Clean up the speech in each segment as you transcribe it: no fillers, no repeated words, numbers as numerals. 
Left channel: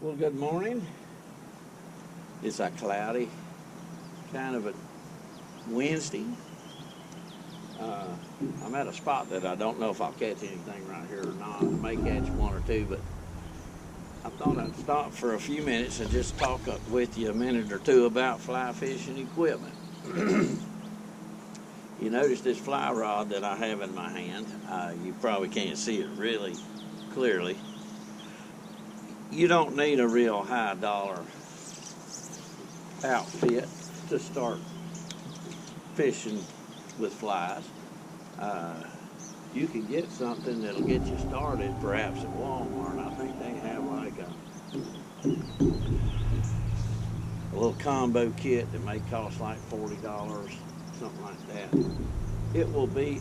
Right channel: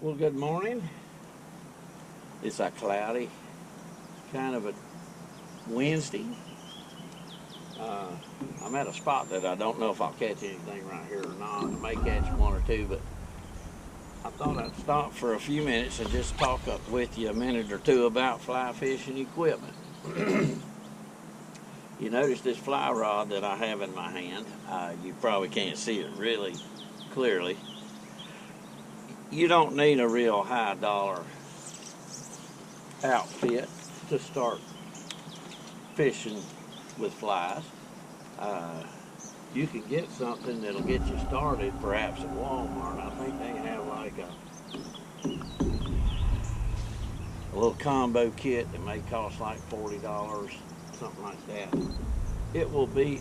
Well, good morning. It's a cloudy kind of a Wednesday. I'm at a spot that I don't know if I'll catch anything right here or not. I may catch one or two, but I thought I'd stop for a few minutes and just talk up with you a minute or two about fly fishing equipment. You notice this fly rod that I have in my hand. You probably can't see it really clearly. You don't need a real high dollar outfit to start fishing with flies. You can get something that'll get you started perhaps at Walmart. I think they have like a little combo kit that may cost like $40, something like that. It will be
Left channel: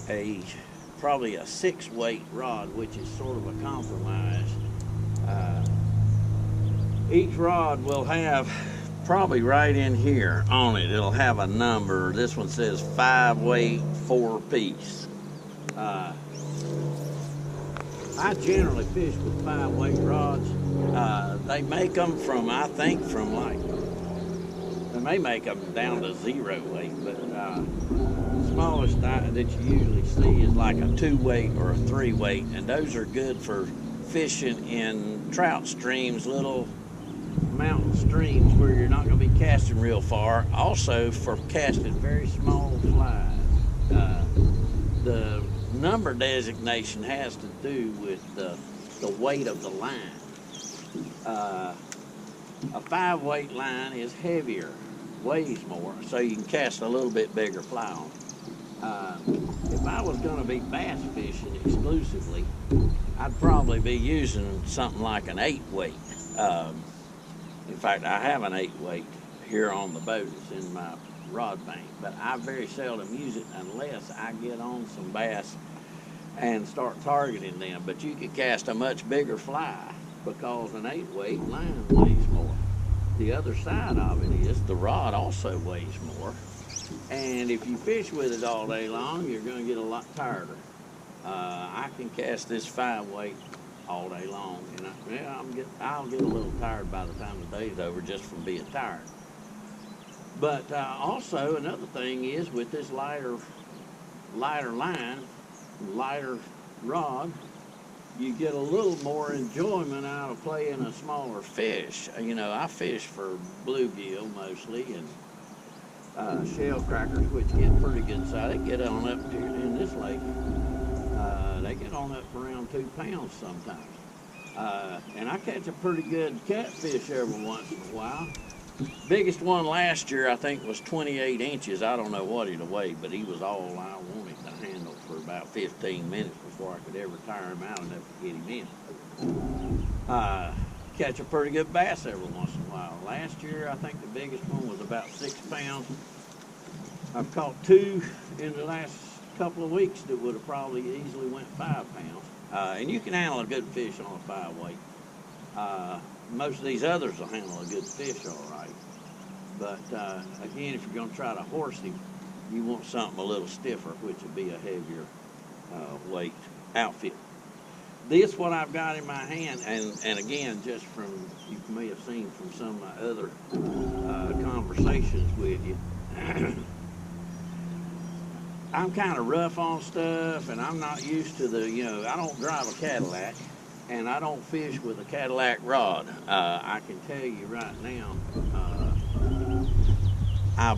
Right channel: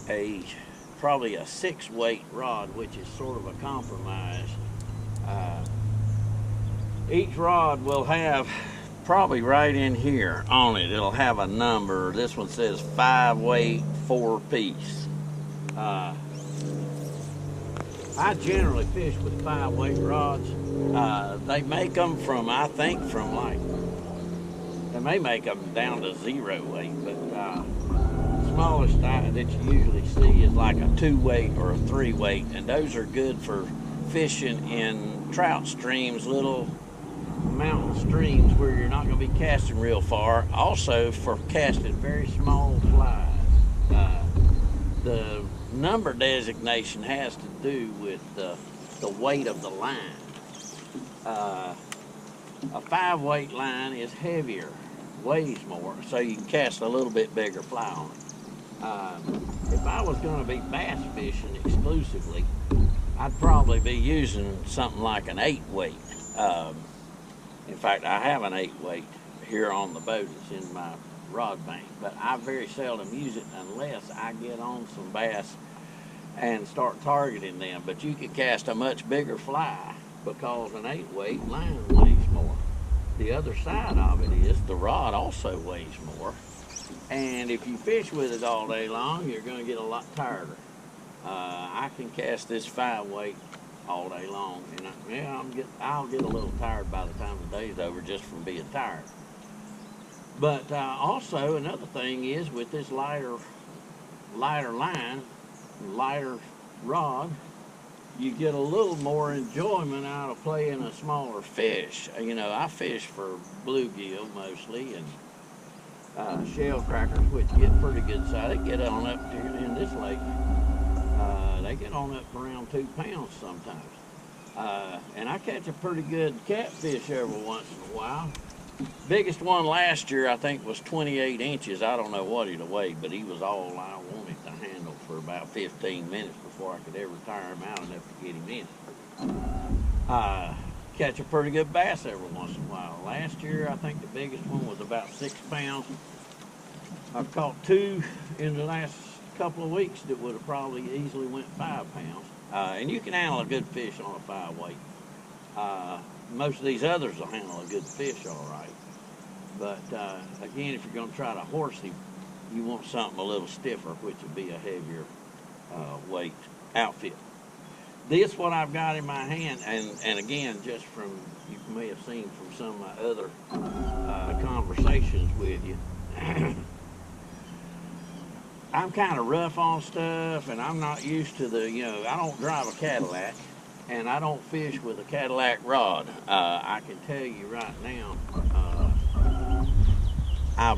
probably a 6-weight rod, which is sort of a compromise. Each rod will have probably right in here on it, it'll have a number. This one says 5-weight, 4-piece. I generally fish with 5-weight rods. They make them from, I think, they may make them down to 0 weight, but the smallest that you usually see is like a 2-weight or a 3-weight, and those are good for fishing in trout streams, little mountain streams where you're not going to be casting real far. Also for casting very small flies. The number designation has to do with the weight of the line. A 5-weight line is heavier, weighs more, so you can cast a little bit bigger fly on it. If I was going to be bass fishing exclusively, I'd probably be using something like an 8-weight. In fact, I have an 8-weight here on the boat. It's in my rod bank, but I very seldom use it unless I get on some bass and start targeting them. But you can cast a much bigger fly because an 8-weight line weighs more. The other side of it is the rod also weighs more. And if you fish with it all day long, you're going to get a lot tireder. I can cast this 5-weight all day long, and I'll get a little tired by the time the day's over just from being tired. But also another thing is with this lighter line, lighter rod, you get a little more enjoyment out of playing a smaller fish. You know, I fish for bluegill mostly and shell crackers, which get pretty good size. They get on up in this lake. They get on up around 2 pounds sometimes. And I catch a pretty good catfish every once in a while. Biggest one last year, I think, was 28 inches. I don't know what he'd weighed, but he was all I wanted to handle for about 15 minutes before I could ever tire him out enough to get him in. Catch a pretty good bass every once in a while. Last year, I think the biggest one was about 6 pounds. I've caught 2 in the last couple of weeks that would have probably easily went 5 pounds. And you can handle a good fish on a 5-weight. Most of these others will handle a good fish all right. But again, if you're going to try to horse him, you want something a little stiffer, which would be a heavier weight outfit. This what I've got in my hand, and again, just from, you may have seen from some of my other conversations with you, I'm kind of rough on stuff, and I'm not used to I don't drive a Cadillac, and I don't fish with a Cadillac rod. I can tell you right now, I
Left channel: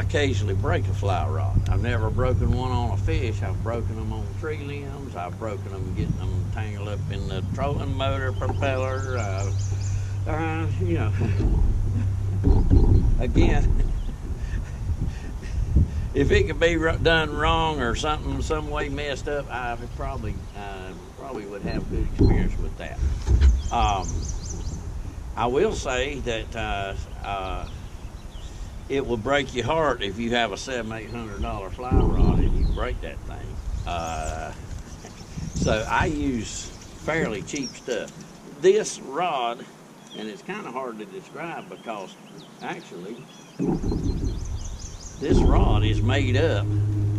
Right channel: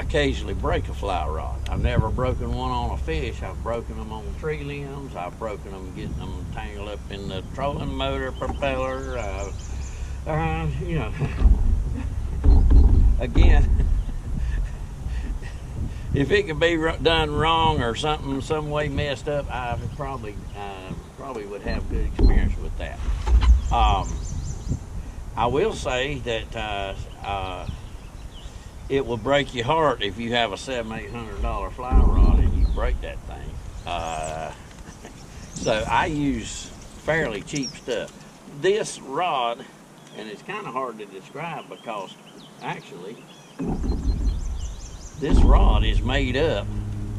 occasionally break a fly rod. I've never broken one on a fish. I've broken them on tree limbs. I've broken them getting them tangled up in the trolling motor propeller. Again, if it could be done wrong or something some way messed up, I probably would have good experience with that. I will say that it will break your heart if you have a $700-800 fly rod and you break that thing. So I use fairly cheap stuff. This rod, and it's kind of hard to describe because actually this rod is made up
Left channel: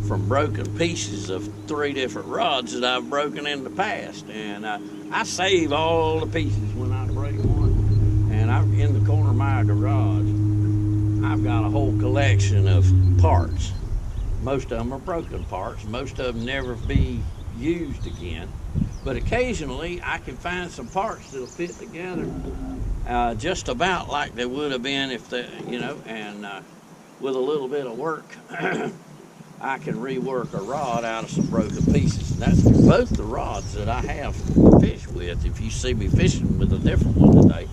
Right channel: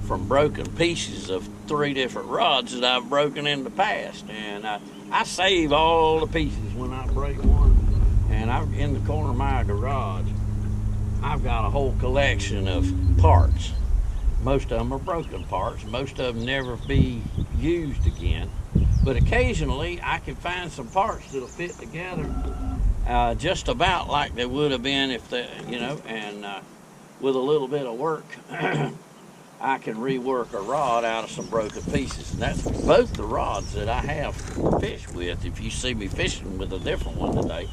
from broken pieces of 3 different rods that I've broken in the past, and I save all the pieces when I break one. And in the corner of my garage, I've got a whole collection of parts. Most of them are broken parts. Most of them never be used again. But occasionally I can find some parts that'll fit together just about like they would have been if they, and with a little bit of work, I can rework a rod out of some broken pieces. And that's both the rods that I have fished with. If you see me fishing with a different one today,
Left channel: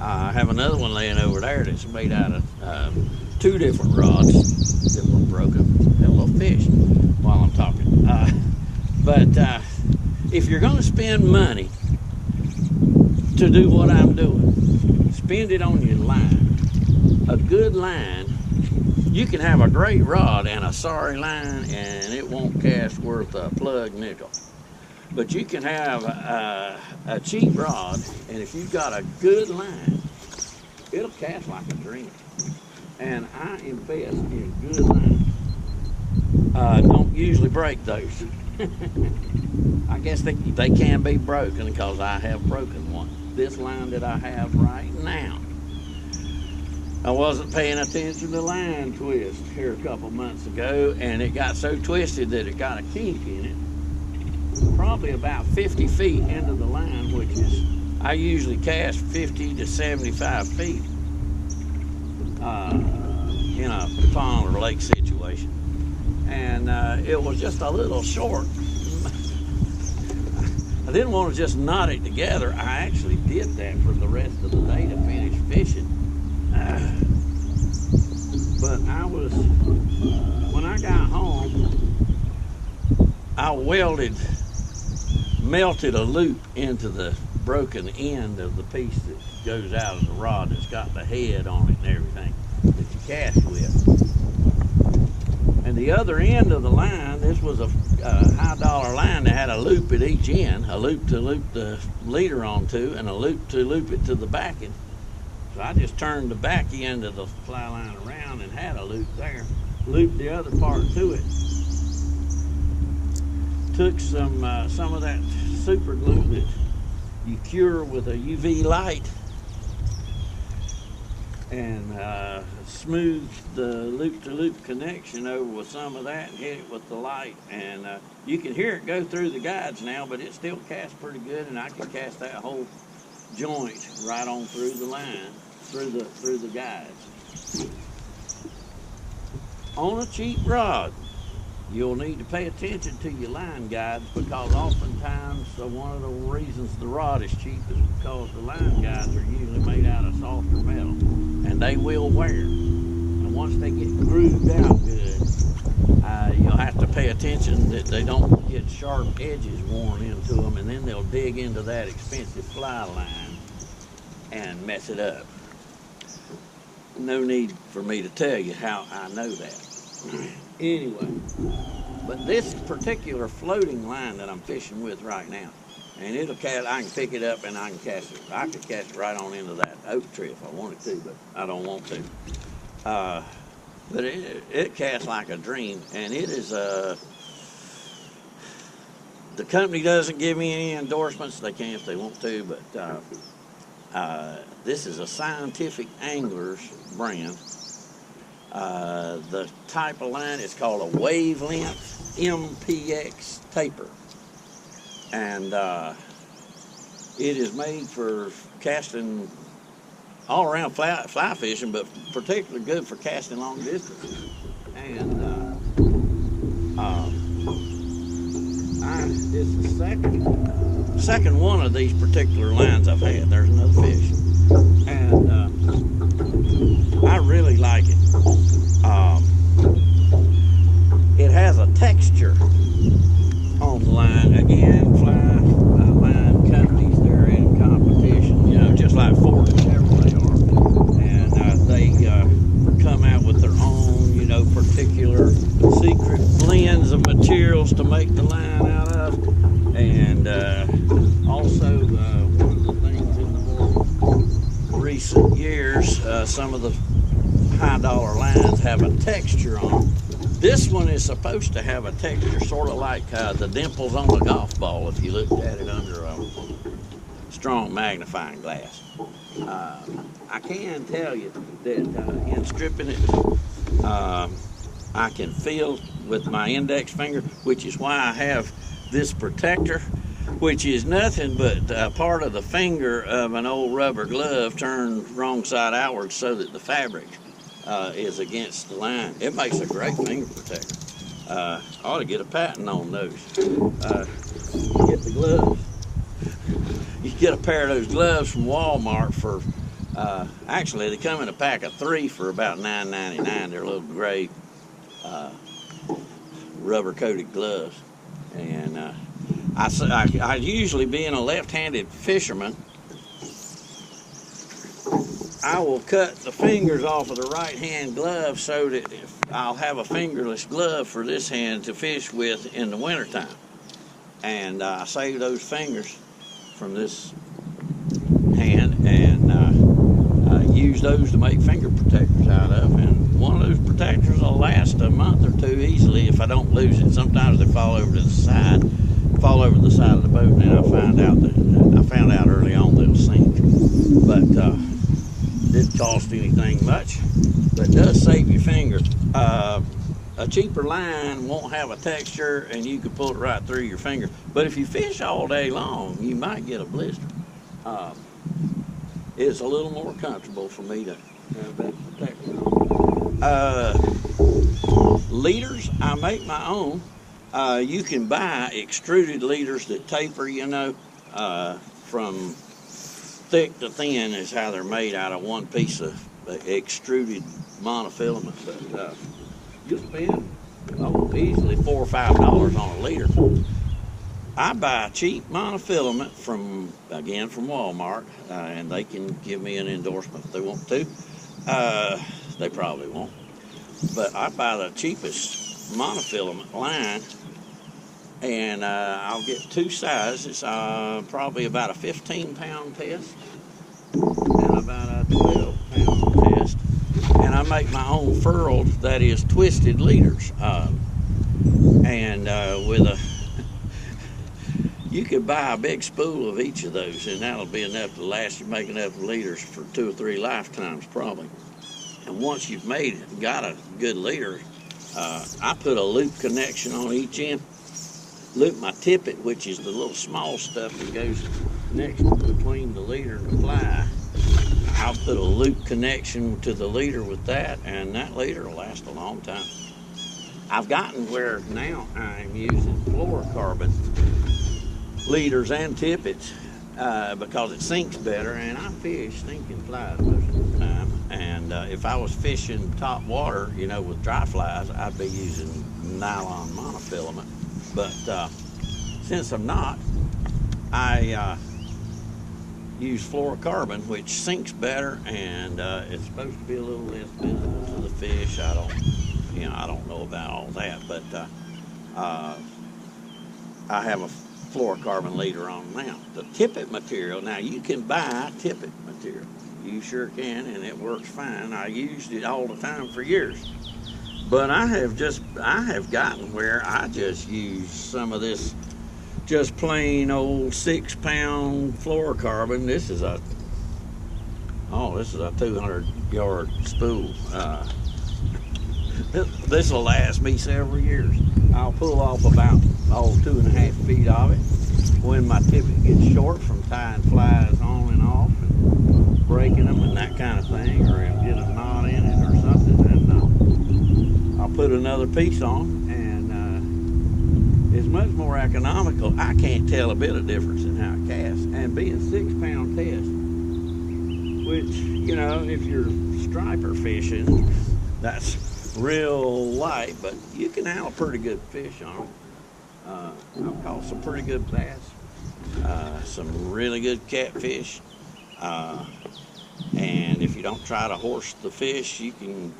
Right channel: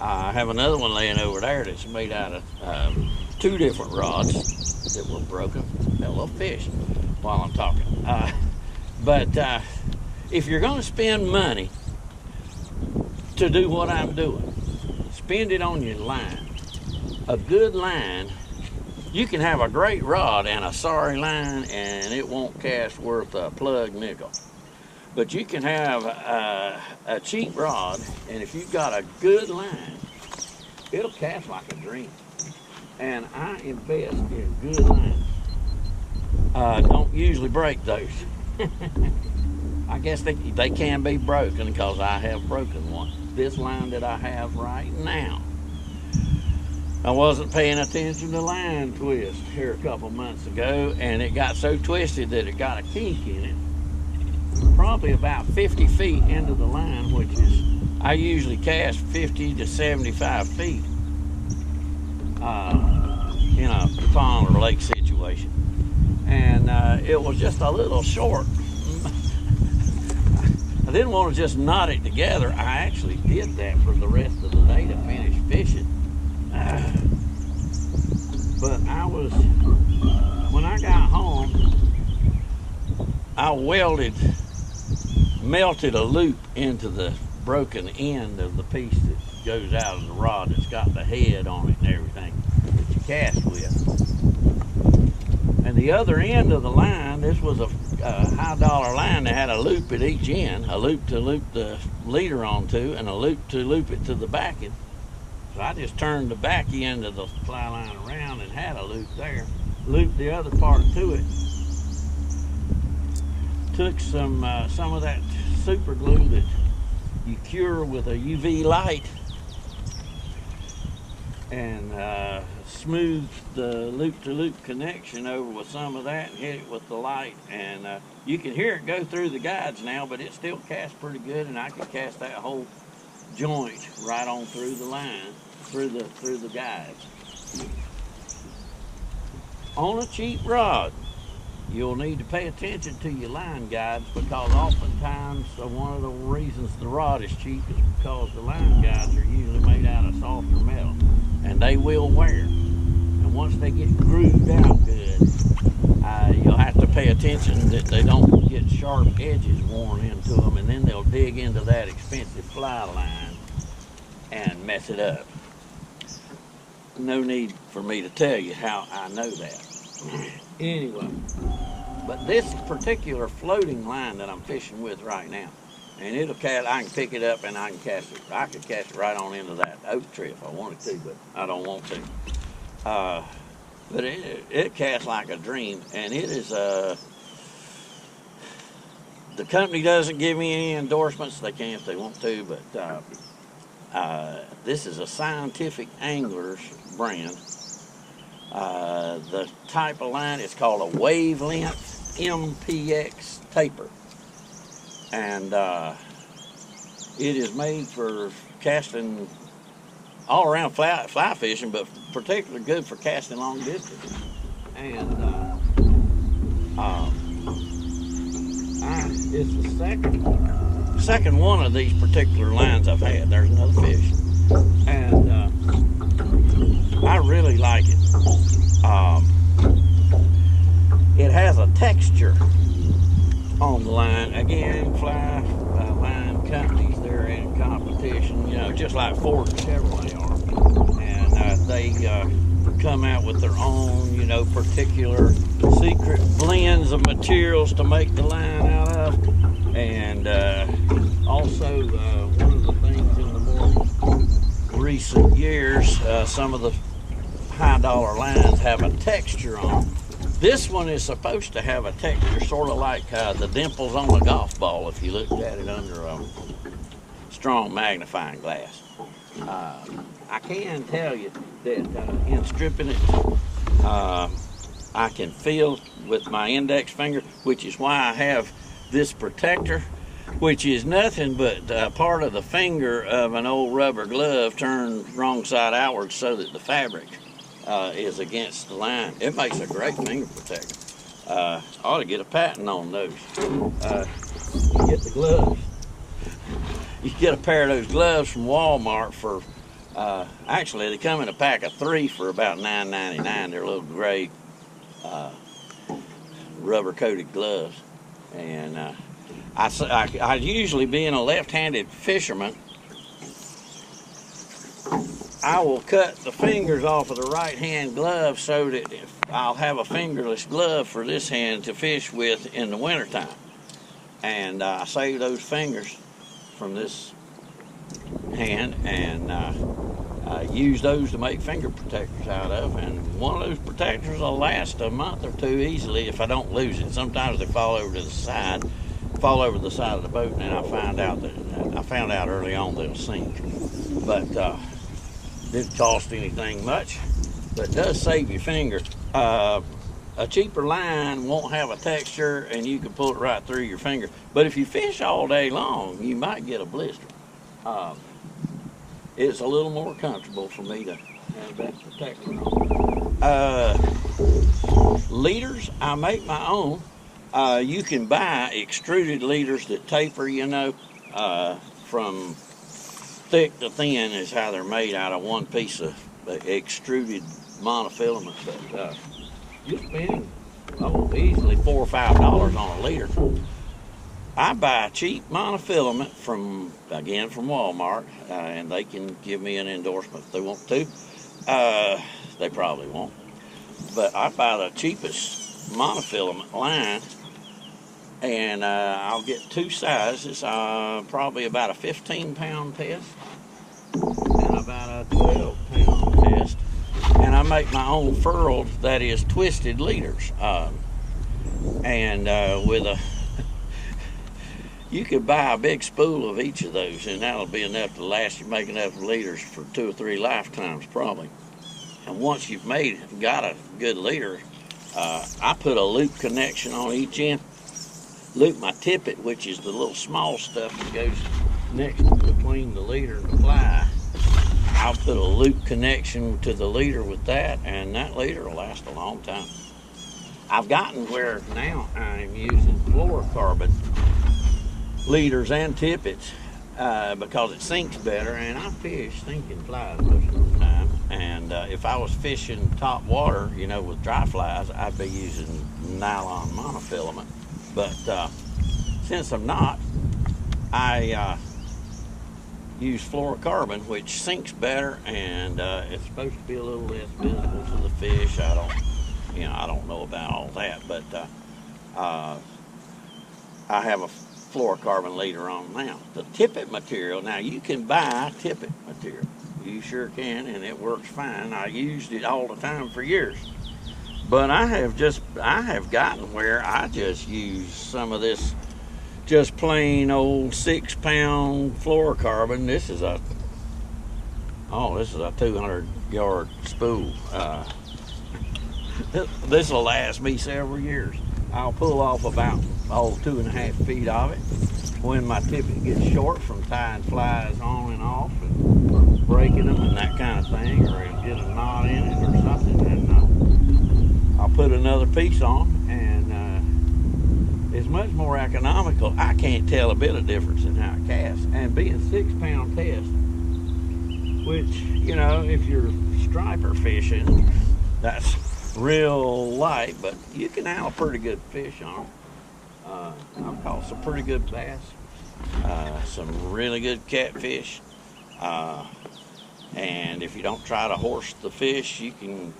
I have another one laying over there that's made out of 2 different rods that were broken. Hell, they'll fish while I'm talking. But if you're going to spend money to do what I'm doing, spend it on your line. A good line, you can have a great rod and a sorry line, and it won't cast worth a plug nickel. But you can have a cheap rod, and if you've got a good line, it'll cast like a dream. And I invest in good lines. Don't usually break those. I guess they can be broken because I have broken one. This line that I have right now, I wasn't paying attention to line twist here a couple months ago, and it got so twisted that it got a kink in it. Probably about 50 feet into the line, which is, I usually cast 50 to 75 feet in a pond or lake situation. And it was just a little short. I didn't want to just knot it together. I actually did that for the rest of the day to finish fishing. But when I got home, I melted a loop into the broken end of the piece that goes out of the rod that's got the head on it and everything that you cast with. And the other end of the line, this was a high dollar line that had a loop at each end, a loop to loop the leader onto and a loop to loop it to the backing. So I just turned the back end of the fly line around and had a loop there, looped the other part to it. Took some of that super glue that you cure with a UV light and smoothed the loop-to-loop connection over with some of that and hit it with the light. And you can hear it go through the guides now, but it still casts pretty good, and I can cast that whole joint right on through the line, through the guides. On a cheap rod, you'll need to pay attention to your line guides, because oftentimes one of the reasons the rod is cheap is because the line guides are usually made out of softer metal, and they will wear. And once they get grooved out good, you'll have to pay attention that they don't get sharp edges worn into them, and then they'll dig into that expensive fly line and mess it up. No need for me to tell you how I know that. Anyway, but this particular floating line that I'm fishing with right now, and it'll cast, I can pick it up and I can cast it. I could cast it right on into that oak tree if I wanted to, but I don't want to. But it casts like a dream, and it is the company doesn't give me any endorsements. They can if they want to, but this is a Scientific Anglers brand. The type of line is called a wavelength MPX taper, and it is made for casting all around fly fishing, but particularly good for casting long distances. And it's the second one of these particular lines I've had. There's another fish, and I really like it. It has a texture on the line. Again, fly line companies, they're in competition, just like Ford and Chevrolet are. And they come out with their own, particular secret blends of materials to make the line out of. And also, one of the things in the more recent years, some of the high dollar lines have a texture on them. This one is supposed to have a texture sort of like the dimples on a golf ball if you looked at it under a strong magnifying glass. I can tell you that in stripping it, I can feel with my index finger, which is why I have this protector, which is nothing but part of the finger of an old rubber glove turned wrong side outward so that the fabric is against the line. It makes a great finger protector. Ought to get a patent on those. You get the gloves. You get a pair of those gloves from Walmart for, actually they come in a pack of 3 for about $9.99. They're little gray rubber coated gloves. And I usually, being a left-handed fisherman, I will cut the fingers off of the right-hand glove so that I'll have a fingerless glove for this hand to fish with in the wintertime. And I save those fingers from this hand and use those to make finger protectors out of. And one of those protectors will last a month or 2 easily if I don't lose it. Sometimes they fall over to the side of the boat, and then I found out early on they'll sink. But didn't cost anything much, but it does save your finger. A cheaper line won't have a texture, and you can pull it right through your finger. But if you fish all day long, you might get a blister. It's a little more comfortable for me to have that protector on. Leaders, I make my own. You can buy extruded leaders that taper, from thick to thin is how they're made, out of one piece of extruded monofilament. But you'll spend easily $4 or $5 on a leader. I buy cheap monofilament from Walmart, and they can give me an endorsement if they want to. They probably won't. But I buy the cheapest monofilament line, and I'll get 2 sizes, probably about a 15-pound test and about a 12-pound test. And I make my own furled, that is twisted leaders. You could buy a big spool of each of those, and that'll be enough to last you, make enough leaders for 2 or 3 lifetimes probably. And once you've got a good leader, I put a loop connection on each end. Loop my tippet, which is the little small stuff that goes next between the leader and the fly. I'll put a loop connection to the leader with that, and that leader will last a long time. I've gotten where now I'm using fluorocarbon leaders and tippets because it sinks better, and I fish sinking flies most of the time. And if I was fishing top water, with dry flies, I'd be using nylon monofilament. But since I'm not, I use fluorocarbon, which sinks better, and it's supposed to be a little less visible to the fish. I don't know about all that, but I have a fluorocarbon leader on now. The tippet material, now you can buy tippet material. You sure can, and it works fine. I used it all the time for years. But I have gotten where I just use some of this just plain old 6-pound fluorocarbon. This is a 200-yard spool. This will last me several years. I'll pull off about 2.5 feet of it when my tippet gets short from tying flies on and off and breaking them and that kind of thing, or it'll get a knot in it or something, and I'll put another piece on, and it's much more economical. I can't tell a bit of difference in how it casts, and being 6-pound test, which, if you're striper fishing, that's real light, but you can handle pretty good fish on it. I've caught some pretty good bass, some really good catfish, and if you don't try to horse the fish, you can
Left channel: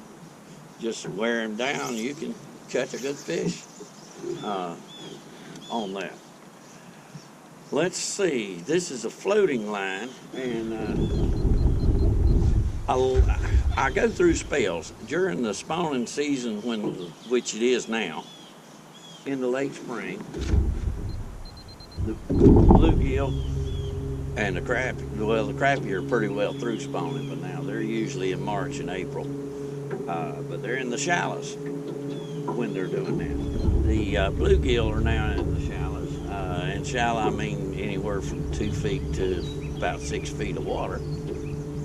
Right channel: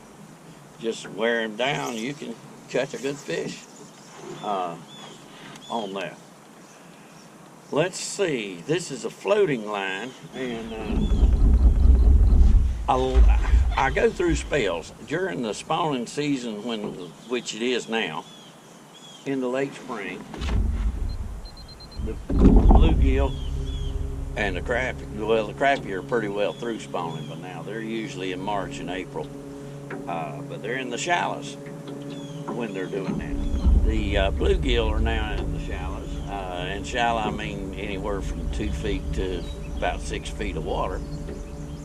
just wear them down. You can catch a good fish on that. Let's see, this is a floating line, and I go through spells during the spawning season, which it is now, in the late spring. The bluegill And the crappie are pretty well through spawning by now. They're usually in March and April, but they're in the shallows when they're doing that. The bluegill are now in the shallows. And shallow, I mean anywhere from 2 feet to about 6 feet of water.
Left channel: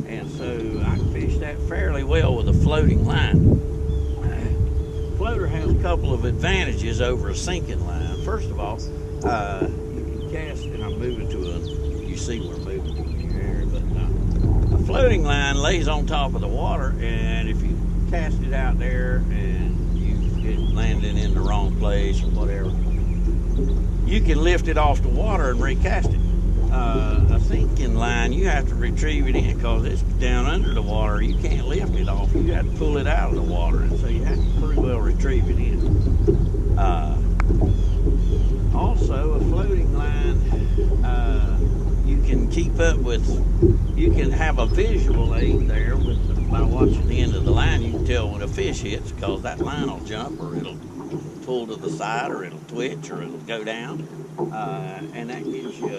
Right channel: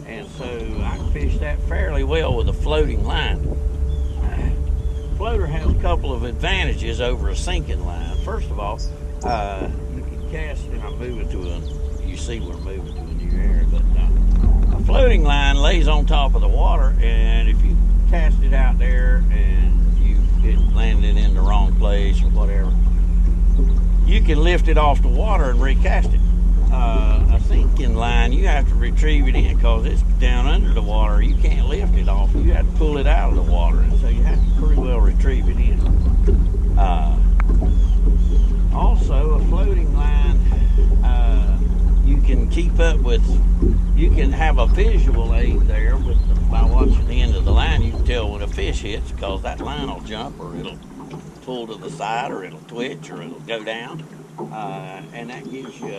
And so I can fish that fairly well with a floating line. Floater has a couple of advantages over a sinking line. First of all, you can cast, and I'm moving to you see we're moving to a new area, but a floating line lays on top of the water, and if you cast it out there and it landed in the wrong place or whatever, you can lift it off the water and recast it. A sinking line, you have to retrieve it in because it's down under the water. You can't lift it off. You have to pull it out of the water, and so you have to pretty well retrieve it in. Also, a floating line, you can keep up with. You can have a visual aid there by watching the end of the line. You can tell when a fish hits because that line will jump, or it'll pull to the side, or it'll twitch, or it'll go down, and that gives you.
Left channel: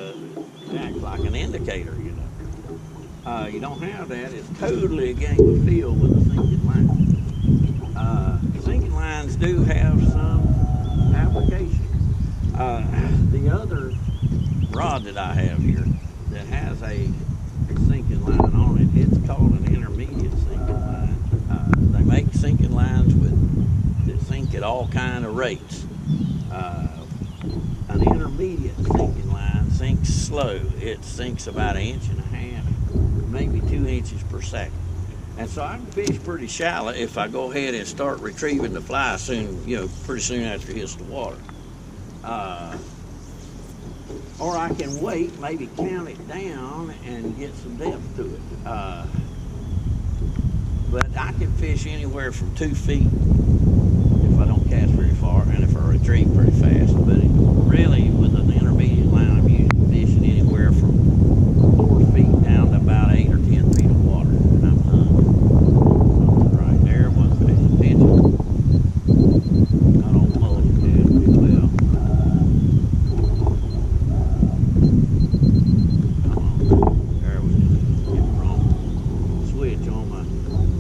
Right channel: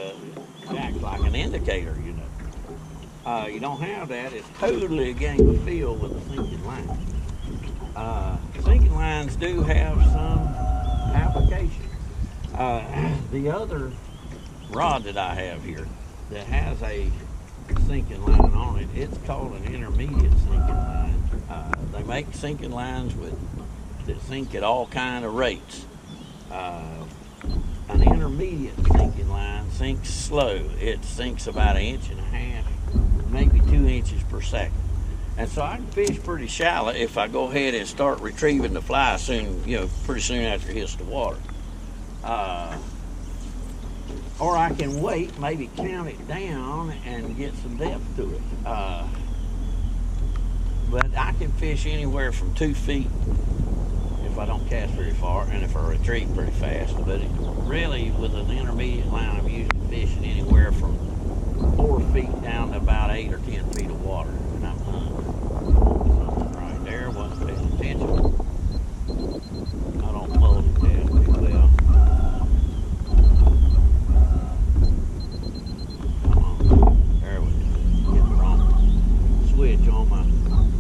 It acts like an indicator, you know. You don't have that. It's totally a game of feel with a sinking line. Sinking lines do have some application. The other rod that I have here that has a sinking line on it, it's called an intermediate sinking line. They make sinking lines that sink at all kind of rates. An intermediate sinking line sinks slow. It sinks about 1.5 inches, maybe 2 inches per second. And so I can fish pretty shallow if I go ahead and start retrieving the fly pretty soon after it hits the water. Or I can wait, maybe count it down and get some depth to it. But I can fish anywhere from 2 feet if I don't cast very far, and if I retrieve pretty fast. But really, with an intermediate line, I'm usually fishing anywhere from 4 feet down to about 8 or 10 feet of water, and I'm hunting. Something right there, wasn't paying attention. I don't multitask too well. Come on, there we go. Get the wrong switch on my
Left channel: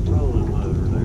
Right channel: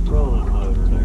trolling motor there.